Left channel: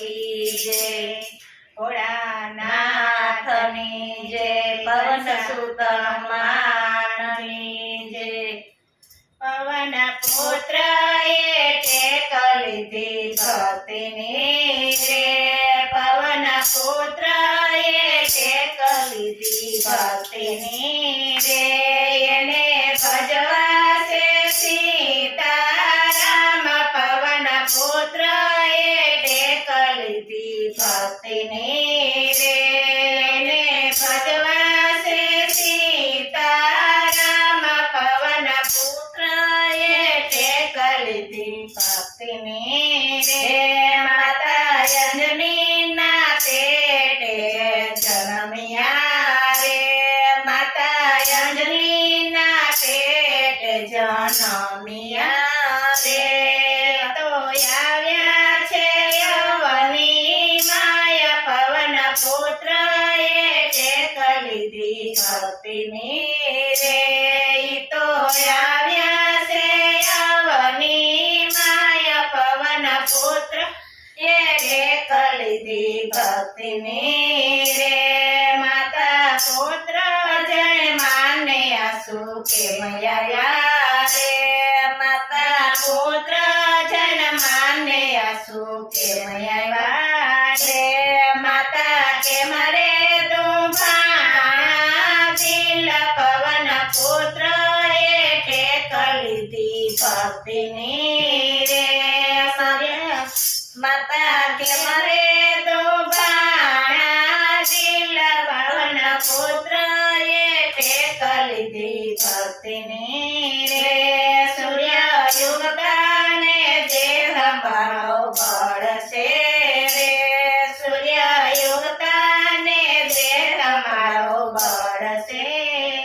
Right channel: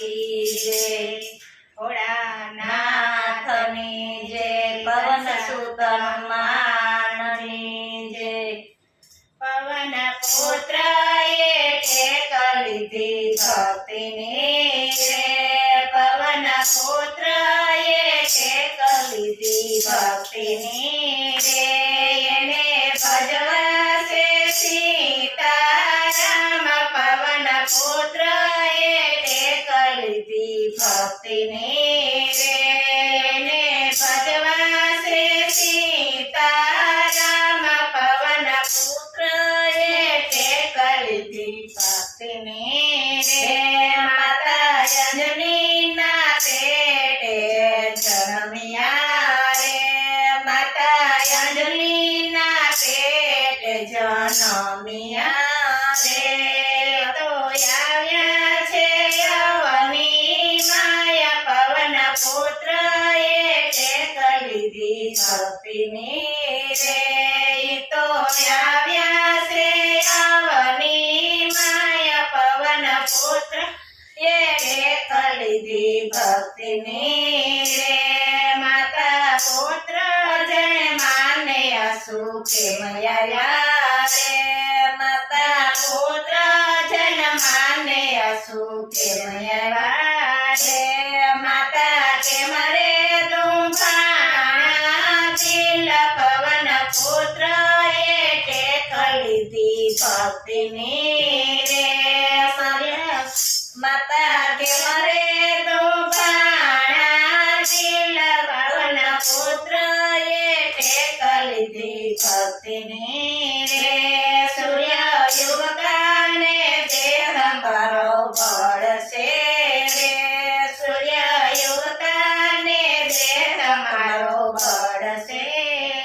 કી જય, ભોળાનાથની જય, પવન સુત હનુમાનની જય। પવન પુત્ર ટેક લીધી ભક્તિની રે, પવન પુત્ર ટેક લીધી ભક્તિની રે, એને ભજવા છે સીતારામ, પવન પુત્ર ટેક લીધી ભક્તિની રે, એને ભજવા છે સીતારામ, પવન પુત્ર ટેક લીધી ભક્તિની રે। માતા અંજનીના પેટે જન્મ્યા રે, માતા અંજનીના પેટે જન્મ્યા રે, તો આવ્યા છે યવની માયા, પવન પુત્ર ટેક લીધી ભક્તિની રે, તો આવ્યા છે યવની માયા, પવન પુત્ર ટેક લીધી ભક્તિની રે। માતા પુત્ર જય માને આસુ કેમ આવ્યા રે, માતા પુત્ર જન માને આસુ કેમ આવ્યા રે, માતા કેમ રે દુભાણા દિલ, પવન પુત્ર ટેક લીધી ભક્તિની રે। માતા કેમ રે દુભાણા દિલ, પવન પુત્ર ટેક લીધી ભક્તિની રે। સૂર્ય યુગતાને દેહ મારો બળશે રે, સૂર્ય યુગતાને દેહ મારો બળશે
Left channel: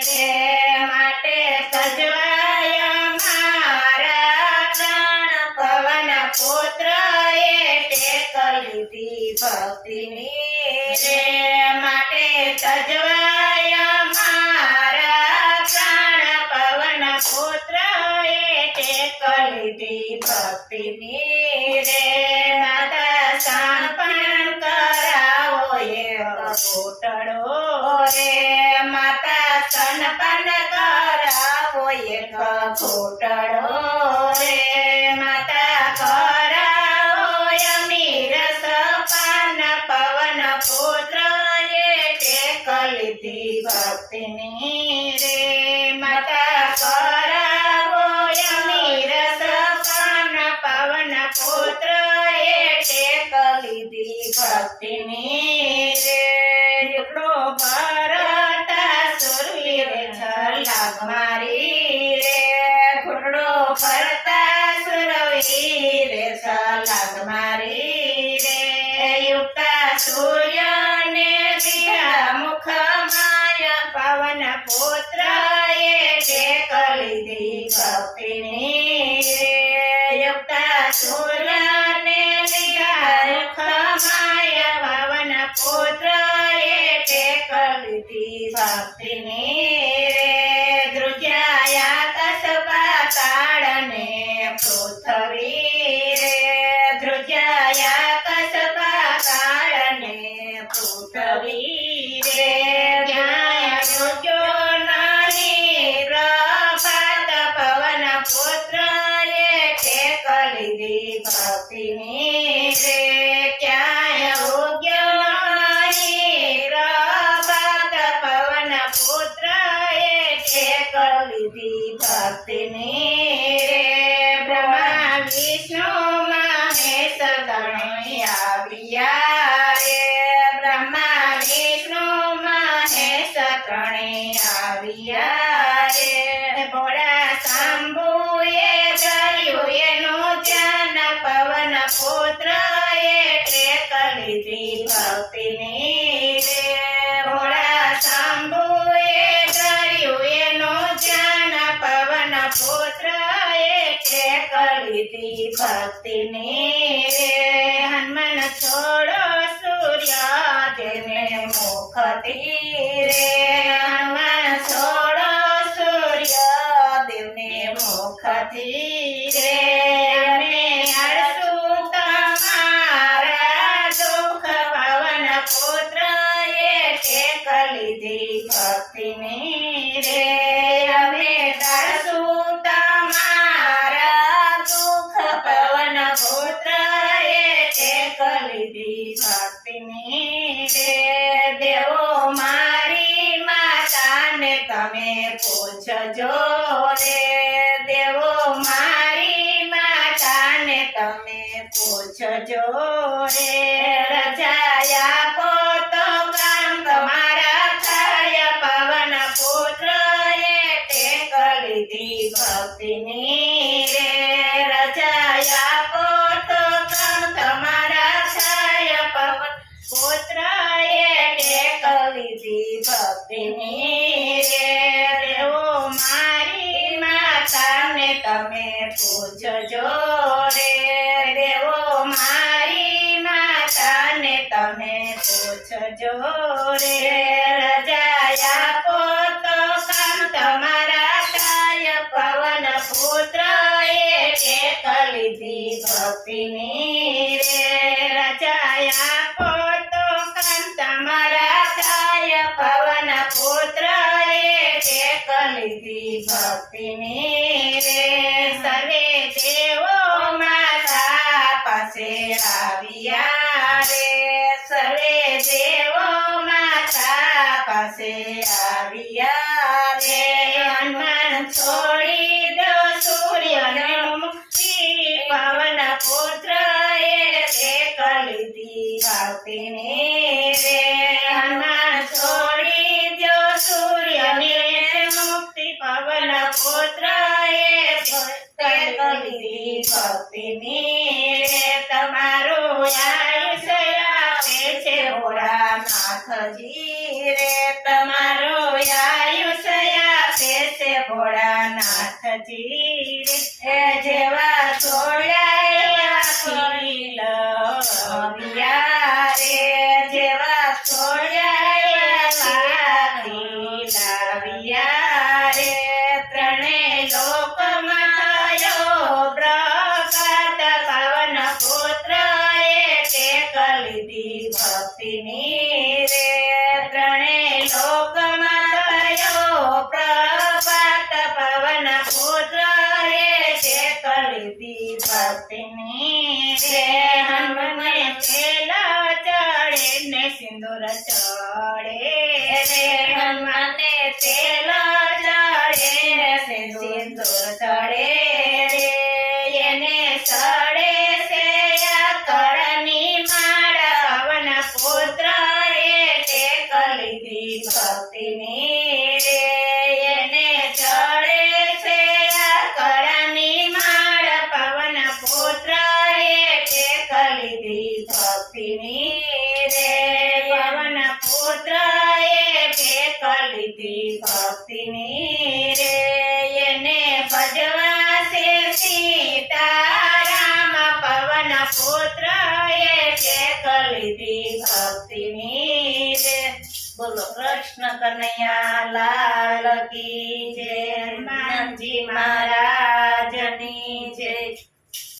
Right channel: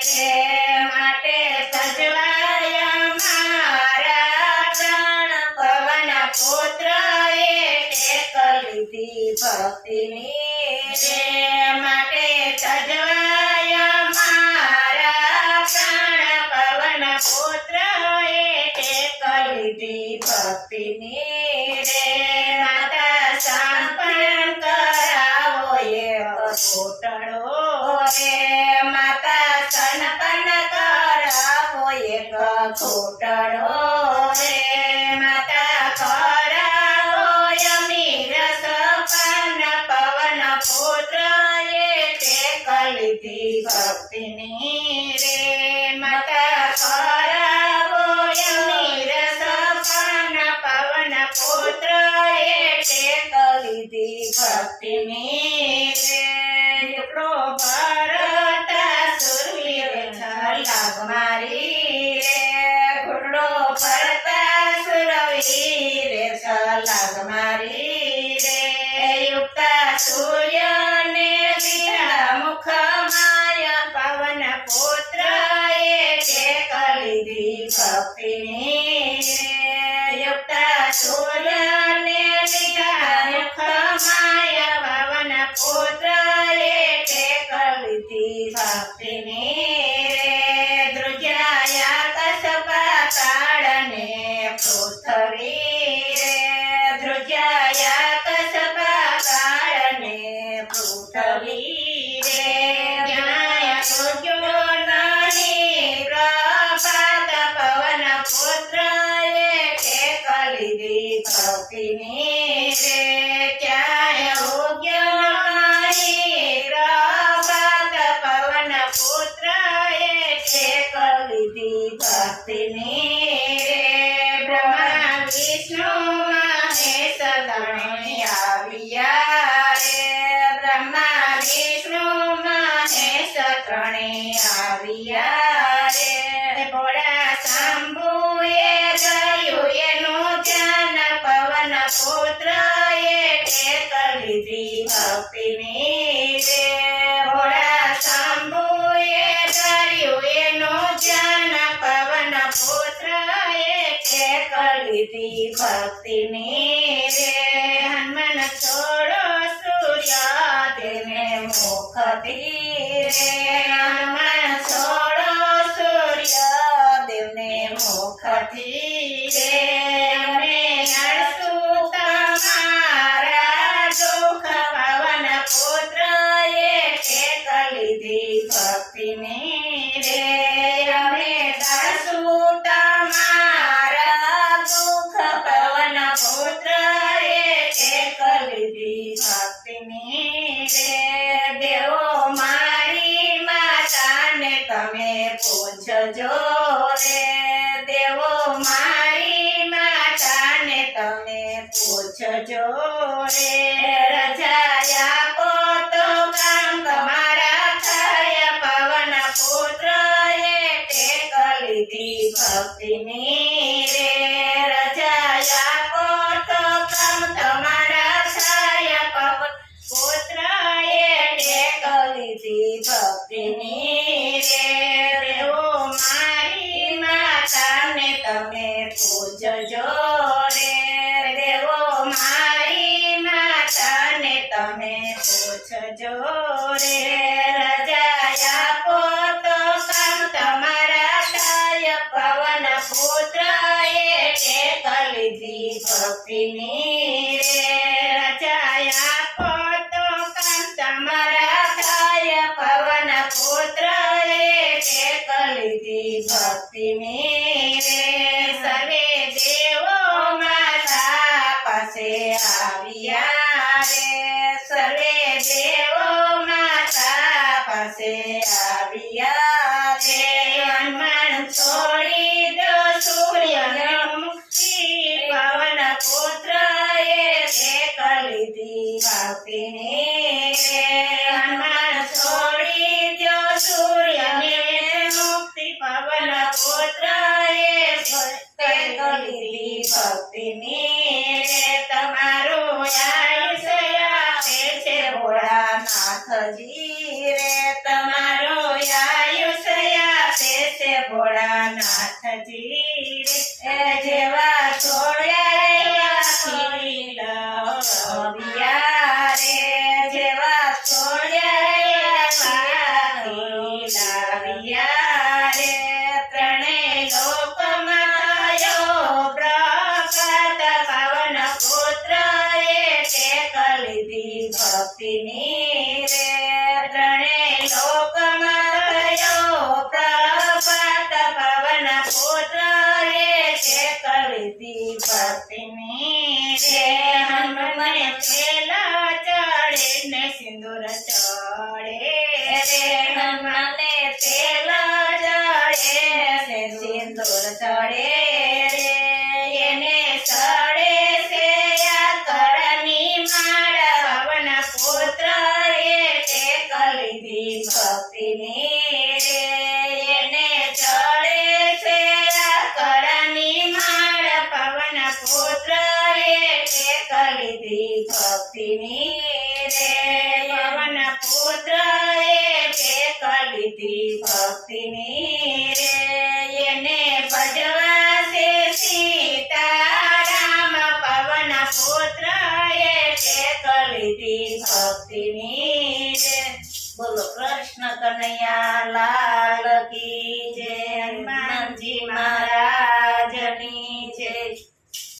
રે, માટે સજવાય મારા પ્રાણ, પવન પુત્ર ટેક લીધી ભક્તિની રે, માટે સજવાય મારા પ્રાણ, પવન પુત્ર ટેક લીધી ભક્તિની રે। માતા સાંપણ કરાવો એક ઘૂંટડો રે, માતા સનપન કરાવો એક ઘૂંટડો રે, માતા કરાવો અમીર સપાન, પવન પુત્ર ટેક લીધી ભક્તિની રે, માતા કરાવો અમીર સપાન, પવન પુત્ર ટેક લીધી ભક્તિની રે। એકડો ભરતા સુરવીર છલાંગ મારી રે, ઘૂંટડો ભરતા સુરવીર છલાંગ મારી રે, યુક્તા સૂર્યને દીધા મુખ માયા, પવન પુત્ર ટેક લીધી ભક્તિની રે, યુક્તા સૂર્યને દીધા મુખ માયા, પવન પુત્ર ટેક લીધી ભક્તિની રે। ધ્રુજાયા કસબા તાળને પૃથ્વી રે, ધ્રુજાયા કસબા તાળને પૃથ્વી રે, જ્ઞાય ધ્રુજો નાની પ્રભાત, પવન પુત્ર ટેક લીધી ભક્તિની રે, ક્યાંય ઉગ્યો પ્રભાત, પવન પુત્ર ટેક લીધી ભક્તિની રે। બ્રહ્મા વિષ્ણુ મહેશ ગણે આવ્યા રે, બ્રહ્મા વિષ્ણુ મહેશ ત્રણે આવ્યા રે, ભોળા શંભુએ થયું એનું ધ્યાન, પવન પુત્ર ટેક લીધી ભક્તિની રે, ભોળા શંભુએ થયું એનું ધ્યાન, પવન પુત્ર ટેક લીધી ભક્તિની રે। હનુમાન છોડો સૂર્ય તેને મુખથી રે, હનુમાન છોડો સૂર્ય દેવને મુખથી રે, અને આળસુ તમારા પૂછજો રે રજા આપો તો કામ તમારા થાય પવન પુત્ર એ ટેક લીધી ભક્તિની રે રજા આપો તો કામ તમારા થાય પવન પુત્ર એ ટેક લીધી ભક્તિની રે દેવો મારી માતાને તમે પૂછજો રે દેવો મારી માતાને તમે પૂછજો રે રજા આપો તો કામ તમારા થાય પવન પુત્ર એ ટેક લીધી ભક્તિની રે રજા આપો તો કામ તમારા થાય પવન પુત્ર એ ટેક લીધી ભક્તિની રે સર્વે દેવો માતા પાસે આવ્યા રે સર્વે દેવો માતા પાસે આવ્યા રે હનુમાન છોડી દો સૂર્યને મુક્તિ પવન પુત્ર એ ટેક લીધી ભક્તિની રે હનુમાન છોડી દો સૂર્યને મુક્તિ પવન પુત્ર એ ટેક લીધી ભક્તિની રે તમારું આયુષ્ય આપે છે ભોળાનાથજી રે તમારું આયુષ્ય આપે છે ભોળાનાથજી રે જેવા છોડ્યા ખીલ રે જેવા છોડ્યા ખીલ રે ત્રણેય લોકમાં થયો પ્રગટ પવન પુત્ર એ ટેક લીધી ભક્તિની રે ત્રણેય લોકમાં થયો પ્રગટ પવન પુત્ર એ ટેક લીધી ભક્તિની રે હનુમાને પેલા ચડે ને સિંદૂર ચડે રે હનુમાને પેલા ચડે ને સિંદૂર ચડે રે એને ચડે છે આકળની માળ પવન પુત્ર એ ટેક લીધી ભક્તિની રે એને ચડે છે આકળની માળ પવન પુત્ર એ ટેક લીધી ભક્તિની રે પવન પુત્ર એ ટેક લીધી ભક્તિની રે એને ભજવા છે સીતારામ પવન પુત્ર એ ટેક લીધી ભક્તિની રે બોલો કૃષ્ણ કનૈયા લાલ કી જય હનુમાનજી મહારાજ